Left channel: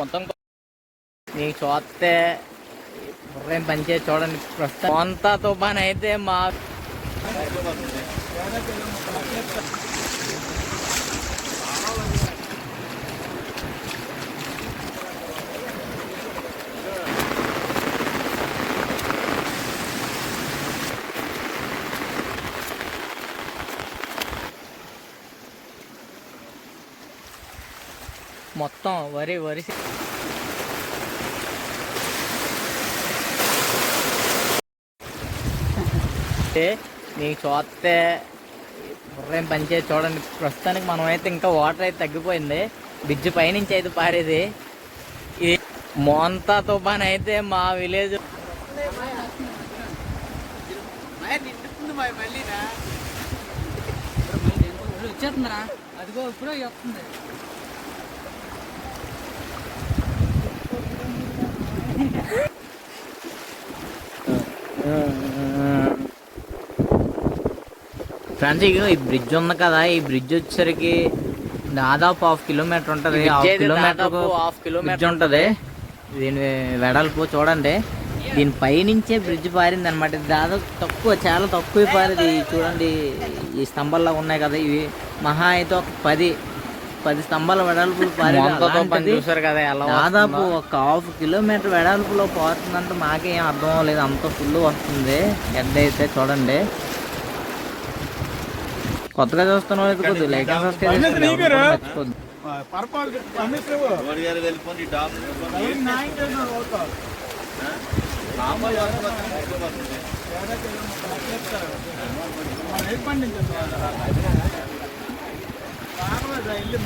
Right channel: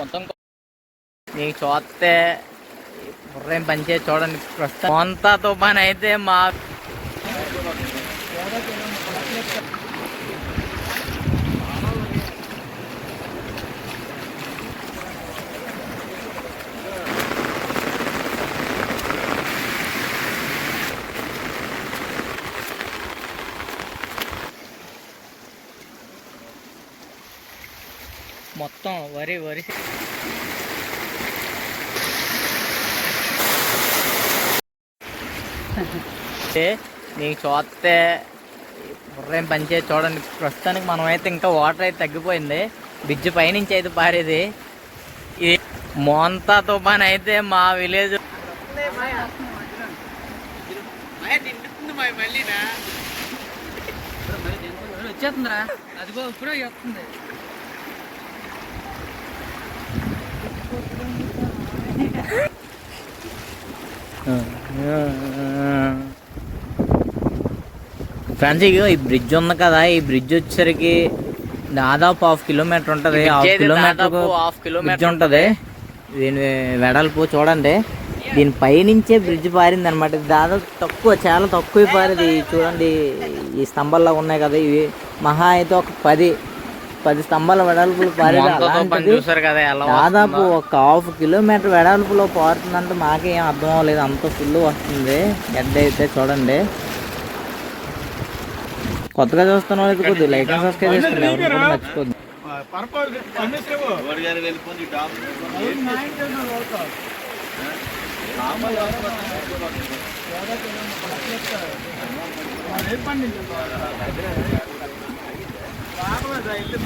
మొత్తం నీకు చూస్తే బుర్రేం పనిచే చూడండి ప్రస్తుతం. అంతా తుఫాన్ అయితే మా మొత్తం వరి వరి. అంటే నీకు చూస్తే బుర్రేం పనిచే చూడండి. ప్రస్తుతానికి మనం అయితే ఇంకా వాటర్ అయితే తగ్గిపోయింది. బ్రిడ్జ్ పైనుంచి అయితే పారేది. ఇది మోంతా తుఫాన్ అయితే మా విలేజ్ వచ్చేస్తుందిరా. అదిగో ఇప్పుడే చెప్తుంది ఫ్రెండ్స్ ఇగో ఈ బ్రిడ్జ్ ఉంది కదా ఈ బ్రిడ్జ్ వచ్చేసరికి దాదాపు హాఫ్ కిలోమీటర్ ఉంటది. హాఫ్ కిలోమీటర్ హాఫ్ కిలోమీటర్ ఉంటది. దీని వెడల్పు చూడండి. దీని పైనుంచే బ్రిడ్జ్ పారింది అనమాట దాదాపు తక్కువ చాలా తక్కువ పారేది. చూడండి ఈ స్తంభాల్లో ఉన్నాయి కదా ఇవి. మహా అయితే ఒక పది. పది స్తంభాల వెడల్పులు పారేది దాదాపు ఒక హాఫ్ కిలోమీటర్ వెడల్పులో పారుతుందంటే మాకేం అర్థం అవ్వలేదు. అంత ఫుల్ వస్తుంది. గడ్డ అయితే చూడండి. కొత్తగా చూస్తున్న వాళ్ళకి కొద్దిగా లైక్ అండ్ సబ్స్క్రైబ్ చేసుకోండి ఎవరు కూడా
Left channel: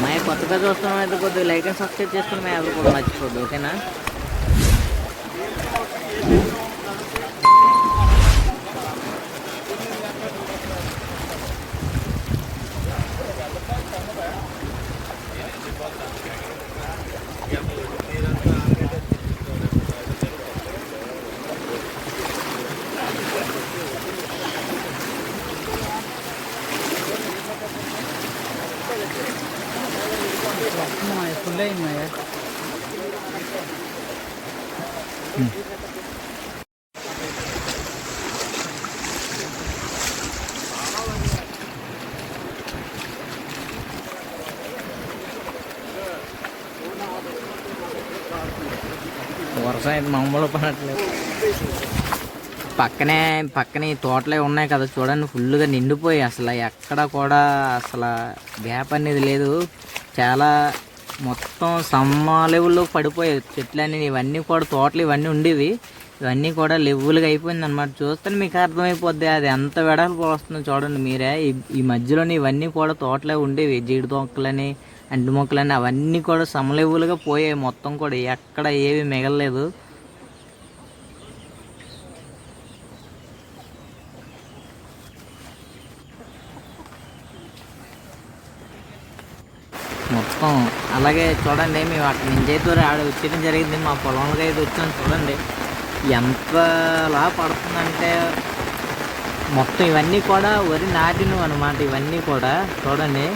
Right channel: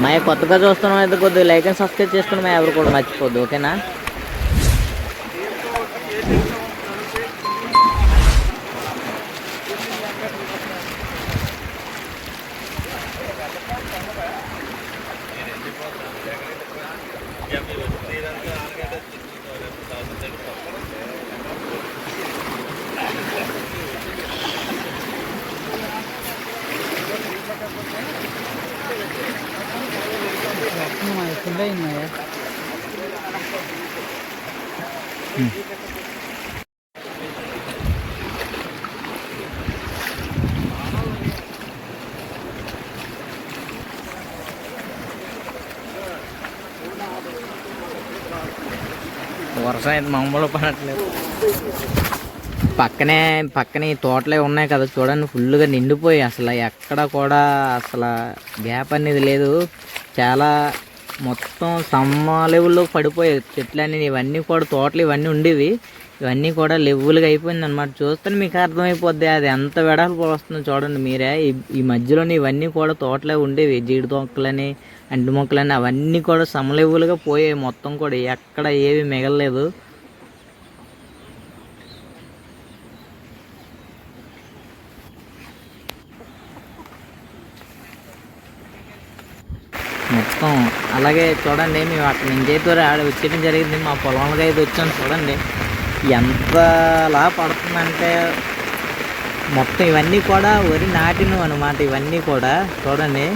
మా కొత్తగా చూస్తున్నాం అయితే కొద్దిగా లైక్ అండ్ సబ్స్క్రైబ్ చేసుకుని మా ఎవరు కూడా మర్చిపోద్దు ఓకేనా ఫుల్ అయింది వర్షం అయితే మామూలు పడట్లేదు. పక్కనే పక్కనే ఈ తోటలే ఉన్నాయి కదా చూడండి ఫుల్గా నిండిపోయి అసలు ఎక్కడ కూడా అసలు గ్యాప్ అనేది లేదు. చాలా మొత్తం సమ్మ లెవెల్లో పడిపోయాయి. చెట్లన్నీ ఇవన్నీ కూడా తోటలు ఇవన్నీ ఉండేవి. ఇవన్నీ కూడా లెవెల్గా అయిపోయింది అనమాట చూస్తే మీకు అర్థమైపోద్ది అది ఎంత వెడల్పు వస్తుందో చూడండి మీరే. ఈ ఈ మధ్యలోనే ఇవన్నీ కూడా తోటలే ఉండేవి. జీడి తొక్కలని అంటి మొక్కలని అవన్నీ కూడా సమలెవెల్గా పోయాయి మొత్తం కూడా. ఎక్కడ ఏవి మిగలలేదు. మొత్తం అలాగే చూడండి మేము అక్కడ నుంచి అయితే ఆడ వచ్చేయడం జరిగింది. మా పొలంలో అయితే వచ్చాం చూడండి. ఎంతలా పడుతుందంటే మొత్తం ఇవన్నీ కూడా వరి నాటినవి అనమాట ఇవన్నీ కూడా. చూడండి.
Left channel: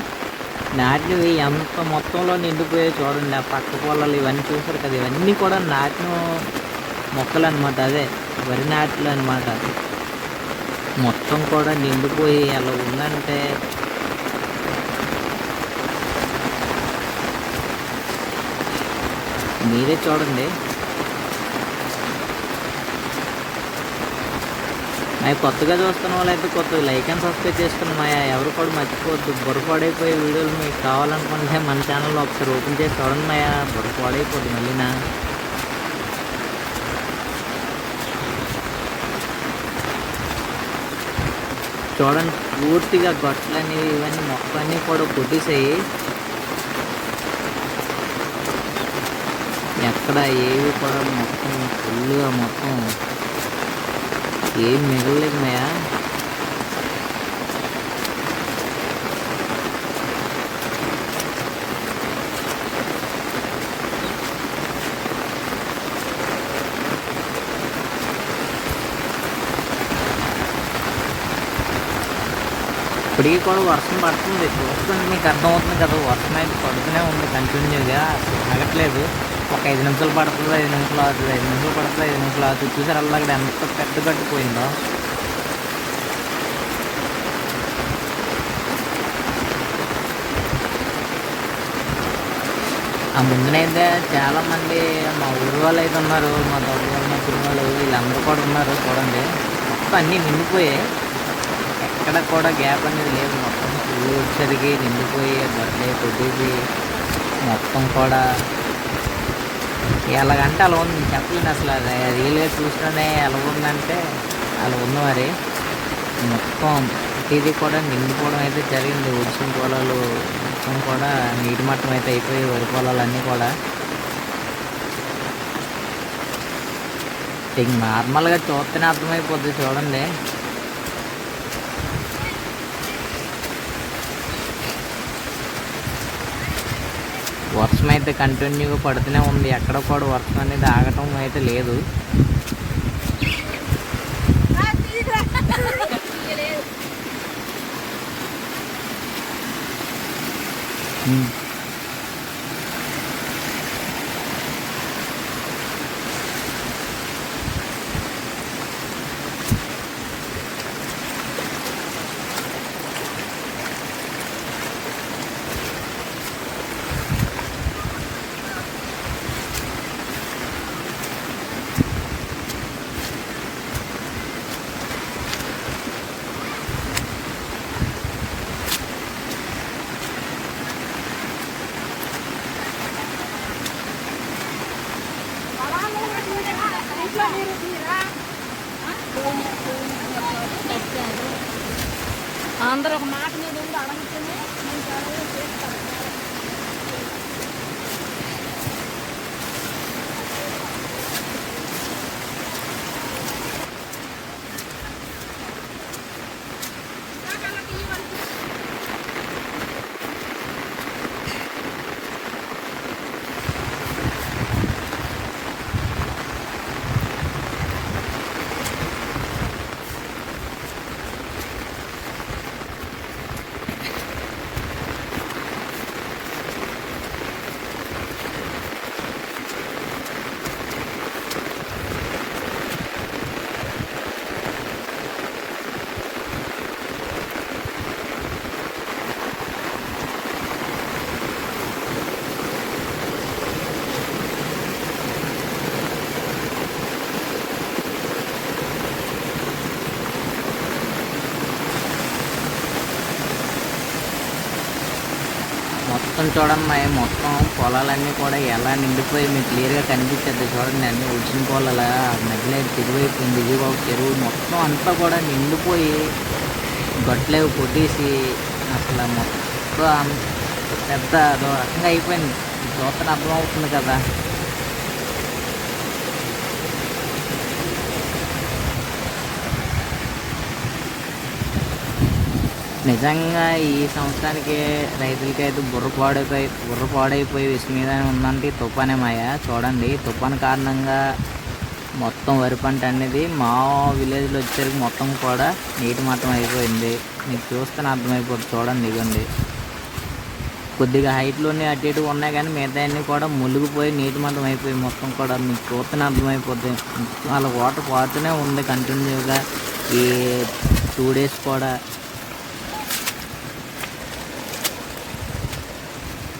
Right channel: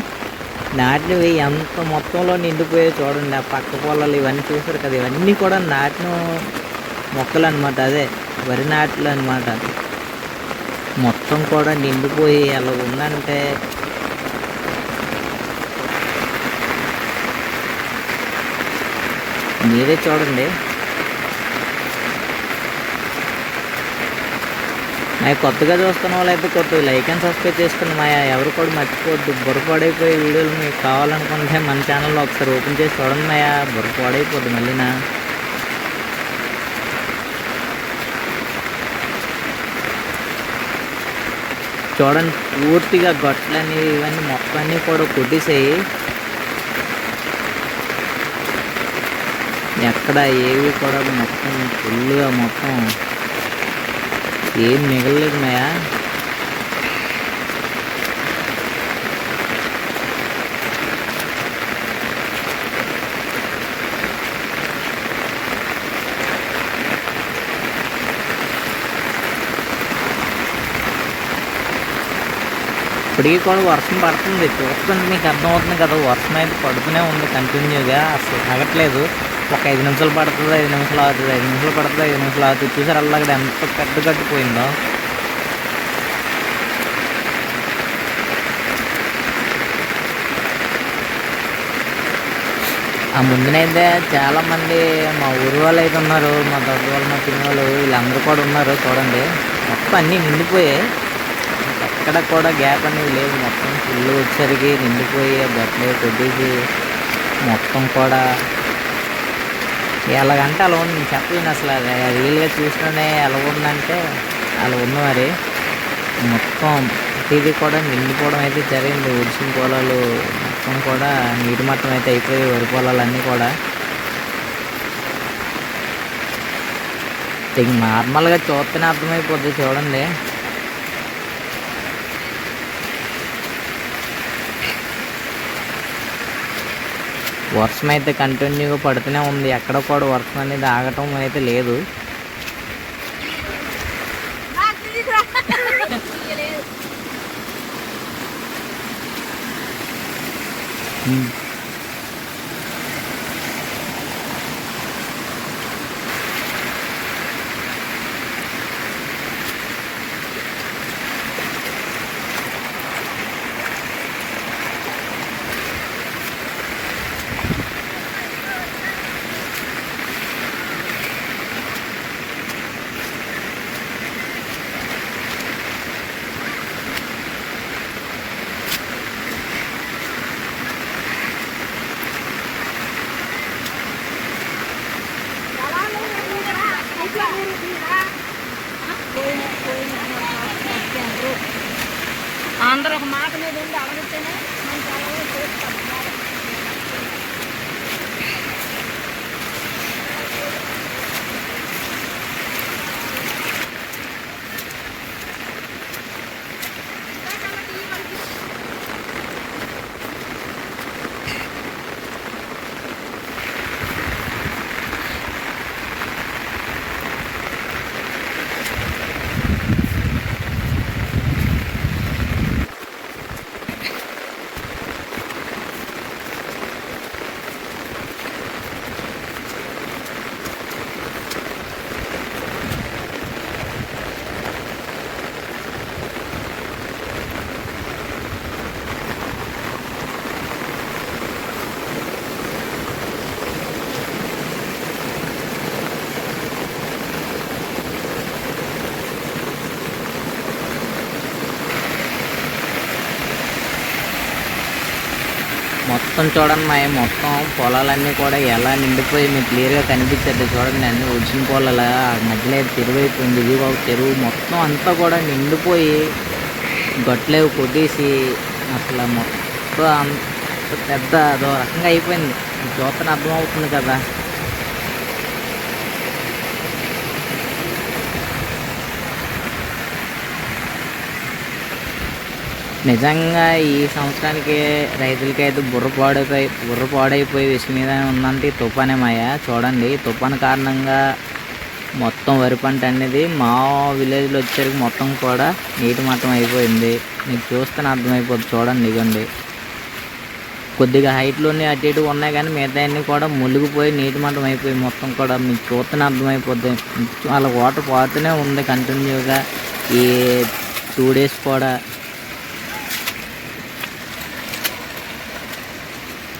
నాటినవి ఎంత మొత్తంలో నిండిపోయాయి చూడండి. ఆ పక్క పొలాలు ఇవన్నీ చూసారు కదా. ఇవన్నీ కూడా నాటిన మొక్కలు అనమాట అదే. వరి నాట్లు అనమాట మొత్తం కూడా నిండిపోయి అలా ఉందంటే మీరే చూడండి. నాకు కొత్తగా చూస్తున్న వాళ్ళైతే కొత్తగా లైక్ అండ్ సబ్స్క్రైబ్ చేసుకుని మా ఎవరు కూడా మర్చిపోద్దు బుర్రపాడైపోయే వీడియోలు మీకు కావాలనుకుంటే మన ఛానల్లో ఒకసారి ఓపెన్ చేసి చూడండి మాయా బుర్రపాడైపోద్ది మళ్ళీనా చూడండి పూర్తిగా గొట్లని ఇవన్నీ మొత్తం అన్నీ కూడా కొట్టేసాయి. ఎక్కడ ఏవి కూడా మొత్తం ఫుల్గా మొత్తం ఏం మిగలలేదు మాయా. ఇప్పటికీ కూడా వర్షం పడుతుంది. వస్తుంది మీకు అర్థం అర్థమవుతుంది కదా వర్షం అయితే పడుతూనే ఉంది కంటిన్యూగా అసలు ఆగట్లేదు. ఒక ఐదు నిమిషాలు పడుతుంది ఐదు నిమిషాలు అవుతుంది ఐదు నిమిషాలు పడుతుంది ఐదు నిమిషాలు అవుతుంది చూసారు అలా అక్కడ ఎంత పెద్ద కట్టిపోయిందో ఆ ముందునైతే చాలామంది మా ఊరు వాళ్ళు అయితే ఉన్నారు మా దగ్గర వాళ్ళు మా చిన్న వాళ్ళు వీళ్ళందరూ కూడా ఉన్నారు చూడండి. మొత్తం అన్నీ నిండిపోయాయి ఎక్కడ కూడా గ్యాప్ అనేది లేదు. మొత్తం ఫుల్ వచ్చేసరికి నిండిపోయి బట్టలు కొద్దికి మొత్తం కూడా ఎలాగంటే అలా ఉంది. చెప్పలేను అసలు. అది రియల్గా చూస్తేనే ఎలా ఉందంటే అలా ఉంది మరి. మొత్తం ప్రతిదీ కూడా నిండిపోవడం అయితే జరిగింది. ఉడిసిన పొలాలు మొత్తం కూడా నీటి మట్టం అయితే అయిపోయి వరి పొలాలన్నీ కూడా. ఇంక నార్మల్గా చూస్తేనే అర్థమైపోద్ది చూడండి. వర్షం అయితే కంటిన్యూగా పడుతూనే ఉంది ఎక్కడ కూడా వర్షం అనేది ఆగటం అయితే లేదు ఉమ్. అందరూ ఒక మాట మీద ఉండి అడగచ్చునే మనం చాలా చేస్తాం. మొత్తం చూడండి మా మొత్తం పొలాలన్నీ కూడా ఎలా నిండిపోయి మీకు క్లియర్గా కనిపిస్తుంది చూడండి అన్ని ఉడిచిన పొలాల మధ్యలో చెరువు అయిపోయింది ఇది ఒక చెరువు. మొత్తం అంతా కూడా నిండిపోయి గట్లేవి కొట్టేసి అసలు మొత్తం అంత పెద్ద అదో రకంగా అయిపోయింది. చూస్తే అర్థమవుతుంది కదా. నిజంగా ఈ సంవత్సరానికి రైతులకి అయితే బుర్ర పాడైపోయి బుర్ర పాడైపోయి విసుగు మీద ఉందంటే ఈ తుఫానే మాయ. చూడండి తుఫాన్ కారణంగా మొత్తం వరి పంట అనేది మా విలేజ్లో వచ్చేసరికి మొత్తం కూడా నీటి మట్టం అయిపోయింది. మీకు చూస్తే అర్థమైపోతుంది చూడండి ఇవ్వండి కొద్దిగా హైట్లోనే అటు ఇటు ఉన్నాయి కానీ మిగతా అన్నీ కూడా మునిగిపోయి నీటి మట్టం అయిపోయి మొత్తం కూడా మీకు చూస్తేనే అర్థమైపోద్ది. వాళ్ళ వాటర్ పోతూనే ఉంది కంటిన్యూగా ఈ టూ డేస్ కూడా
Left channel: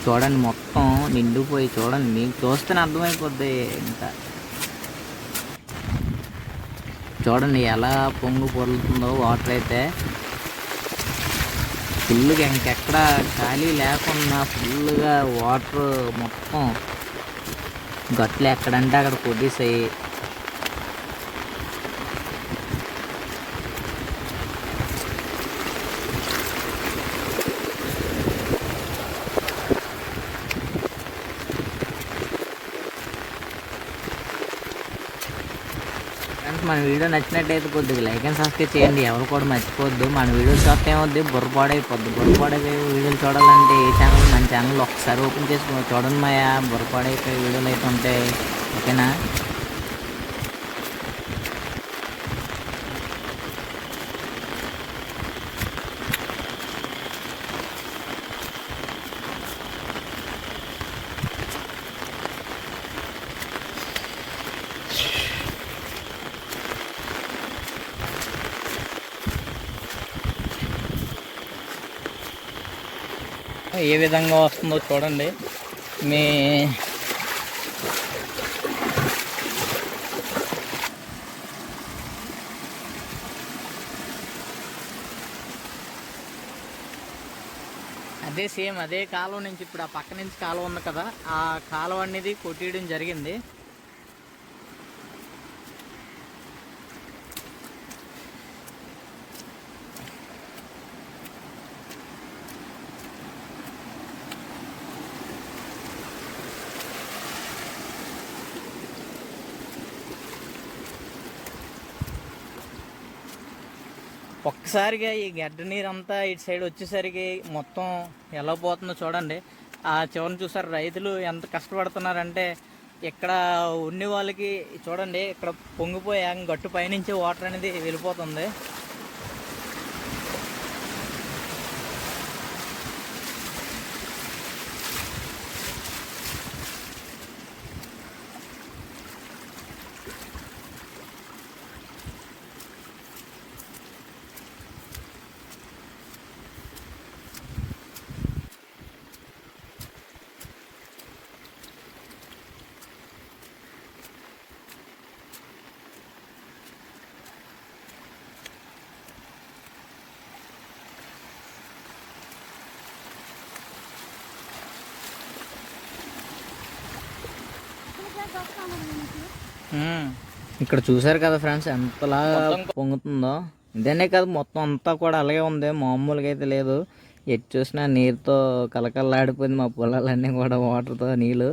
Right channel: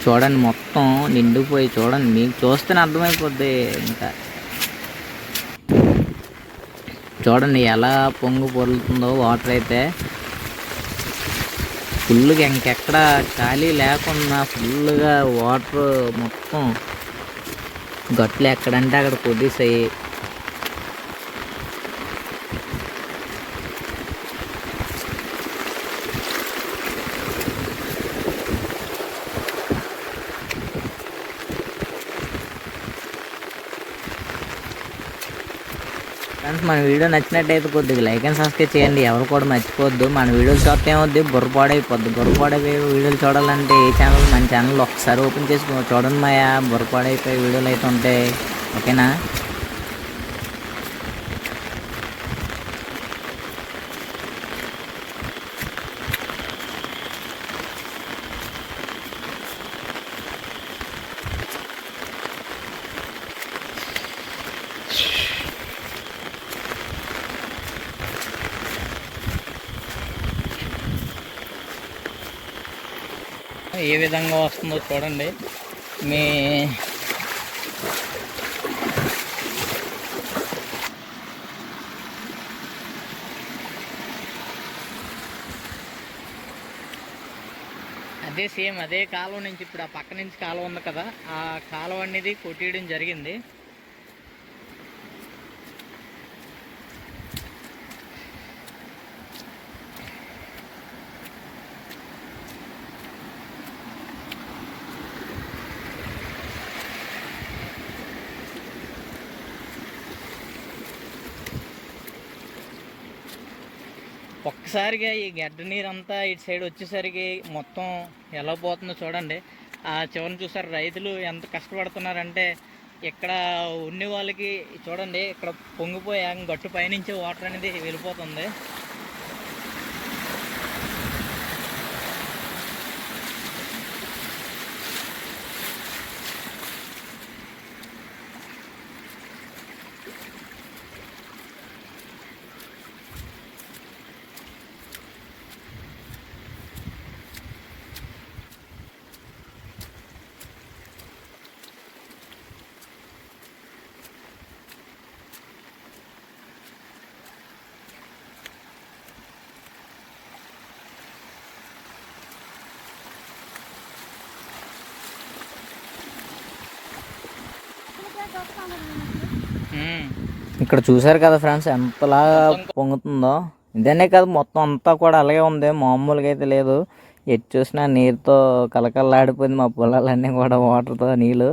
చూడండి మొత్తం నిండిపోయి చూడండి మీకు చూస్తేనే అర్థమైపోద్ది ఇంకా. చూడండి ఎలా పొంగు పొరులుతుందో వాటర్ అయితే. ఫుల్గా ఇంకెక్కడ ఖాళీ లేకుండా ఫుల్గా వాటర్ మొత్తం గట్లు ఎక్కడంటే అక్కడ కొట్టేసాయి. ఫ్రెండ్స్ మన వీడియో నచ్చినట్టయితే కొద్దిగా లైక్ అండ్ సబ్స్క్రైబ్ చేయండి. ఎవరు కూడా మర్చిపోవద్దు. మన వీడియోలు చూస్తే ఏమవుద్ది? బుర్రపాడైపోద్ది. బుర్రపాడైపోయి వీడియోలు చూడాలంటే ఏ ఛానల్ మన ఛానల్ ఒకసారి ఓపెన్ చేసి చూడండి మాయా. బుర్రపాడైపోయి వీడియోలు అయితే ఉంటాయి. ఓకేనా ఏ విధంగా వస్తుందో చూడండి. మీ అదే సేమ్ అదే కాలువ నుంచి ఇప్పుడు ఆ పక్క నుంచి కాలువ ఉంది కదా ఆ కాలువ అనేది కొట్టేయడం జరిగింది. ఒక్కసారిగా ఈ గడ్డ నీరు అంతా ఇటు సైడ్ వచ్చేసరికి మొత్తం ఎలా పోతుందో చూడండి. ఆ చివరిని చూసారు రైతులు ఎంత కష్టపడుతున్నారంటే ఇక్కడ ఉండే వాళ్ళకి చూడండి ఇక్కడ పొంగిపోయి గట్టు పైనుంచి వాటర్ అనేది వెళ్ళిపోతుంది. ఇక్కడ చూసారు కదా ఫ్రెండ్స్ ఎంతలా పొంగుతుందో. ఇదనే కాదు మొత్తం అంతా కూడా అలాగే ఉంది. మామూలుగా అయితే లేదు. ఎటు చూసినా నీరుతో కలకల్లాడిపోయింది మా పొలాలన్నీ కూడా వాటర్తో నీళ్ళు.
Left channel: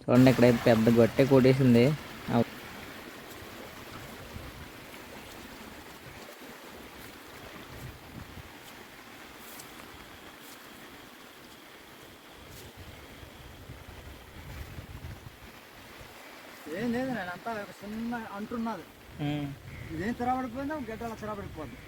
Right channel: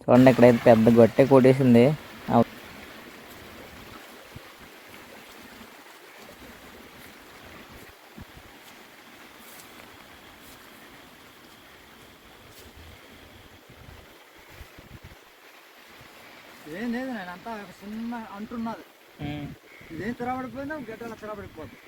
చూడండి ఇక్కడైతే పెద్ద గొట్టె కొట్టేసింది ఆ- ఏం లేదు నేను అంతా ఒక చిన్న అంటున్నది. ఇదేం తిరగబడిపోయిందా గడ్డలు తిరగబడిపోద్ది.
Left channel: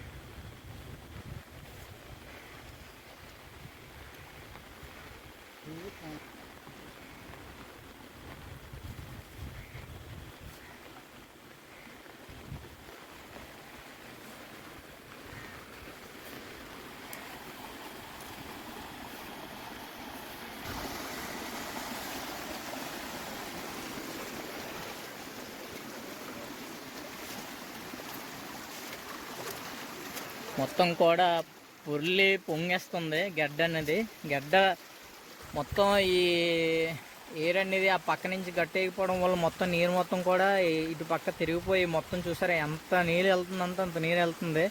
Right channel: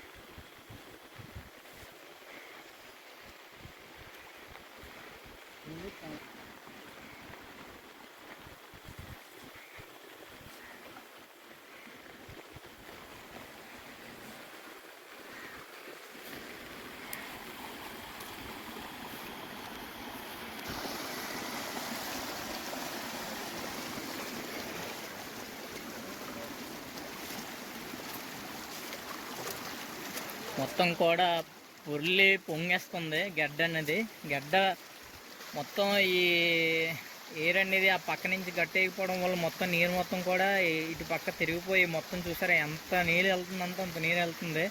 మొత్తం కూడా ఉర్లి పొంగేస్తుంది గడ్డ అనేది. గడ్డ మొత్తం ఈ ఎయిర్ అనేది ఆ పక్క నుంచి గట్టేయకపోవడం వల్ల మొత్తం నీరు మొత్తం కూడా ఇటు పక్క తిరిగిపోయి మొత్తం చూసారా ఎంత నీరు వెళ్తుందంత అంత నీరు వెళ్తుంది.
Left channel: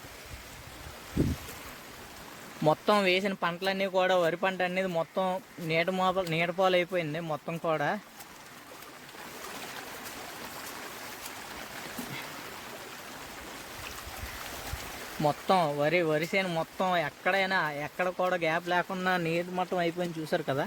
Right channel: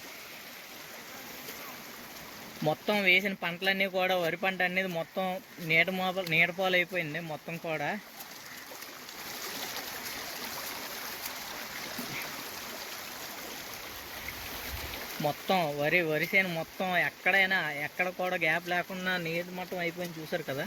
మొత్తం వేసిన పంటలన్నీ కూడా వరి పంట అనేది మొత్తం నీట మోప నీడపాలు అయిపోయింది మొత్తం కూడా. మొత్తం వరి వరి చేను మొత్తం ఎక్కడైనా ఎక్కడ కూడా గ్యాప్ లేకుండా నీరు మొత్తం అయిపోయింది చూసారు కదా?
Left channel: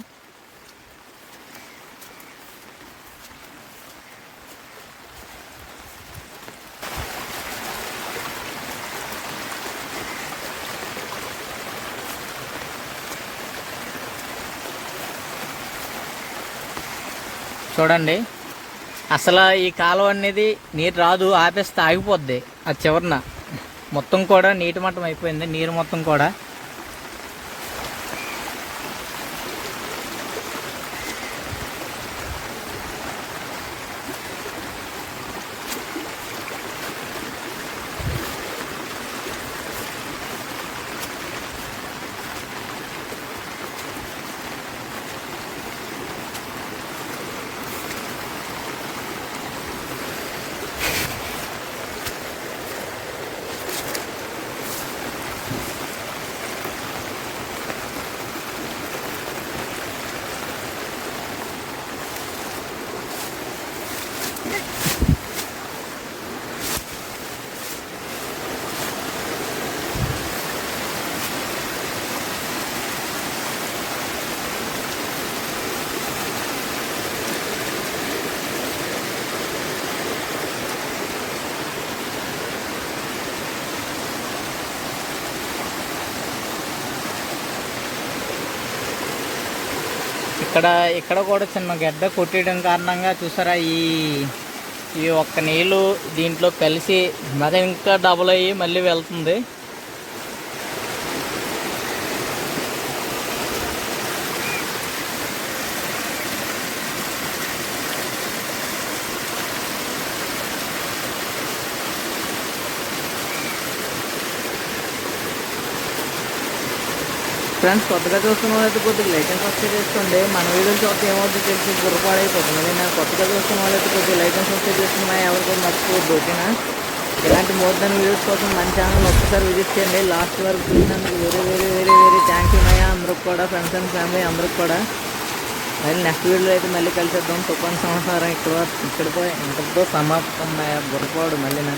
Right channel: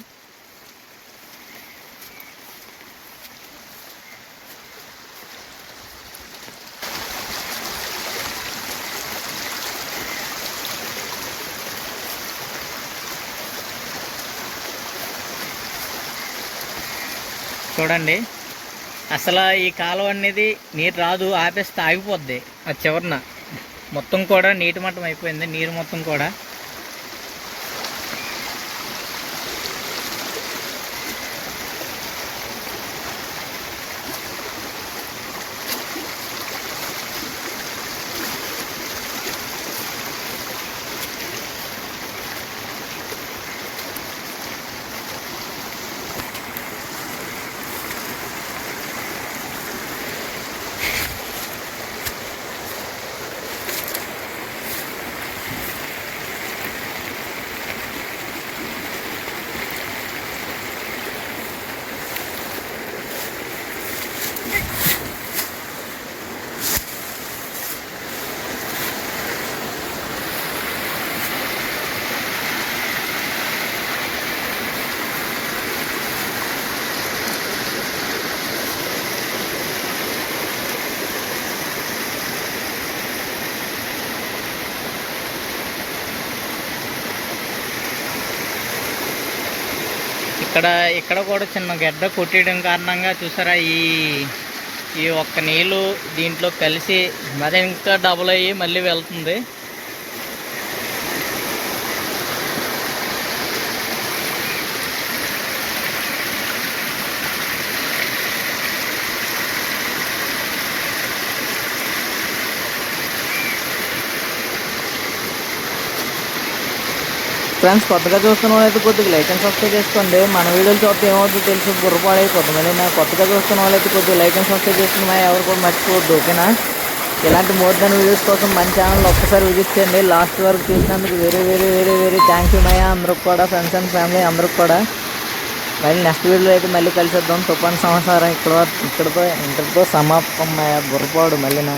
చూడండి అసలు ఈ కాలువ అనేది నీరు రాదు ఆపేస్తే ఆగిపోద్ది ఆ చివరన. మొత్తం కూడా నీటి మట్టం అయిపోయింది. నీరు మొత్తం కూడా ఇక్కడ ఇక్కడ కూడా చిన్న గడ్డ కొట్టేయడం కారణంగా చూసారా ఈ ఈ ఒక్క నీళ్ళు దీంట్లో కలిసి మరి ఇంకా డబుల్ అయ్యి మళ్ళీ వెళ్తుంది. ఫ్రెండ్స్ కొత్తగా చూస్తున్న వాళ్ళైతే కొద్దిగా లైక్ అండ్ సబ్స్క్రైబ్ చేసుకోండి. మన వీడియోలు చూస్తే ఏమవుతుందో తెలిసి బుర్రపాడైపోతుంది మళ్ళీ కొత్తగా చూస్తున్న వాళ్ళైతే కొద్దిగా లైక్ అండ్ సబ్స్క్రైబ్ చేసుకున్నా ఎవరు కూడా మర్చిపోవద్దు ఓకేనా? ఇలాంటి మోర్ దాన్ వీడియోస్ కోసం మన ఛానల్ ఒక్కసారి విజిట్ చేయండి. లాస్ట్ వరకు చూసినందుకు very very very very thank you మయ్య అందరికి కూడా ఫ్రెండ్స్ అండ్ ఫ్యామిలీ అందరికి కూడా. మళ్ళీ నెక్స్ట్ వీడియోలో అయితే మళ్ళీ కలిసేద్దాం. తుఫాన్ సంవత్సరం ఇక్కడ ఇక్కడతో ఇంతటితో సమాప్తం మయ్య బుర్రపాడు మళ్ళీ నా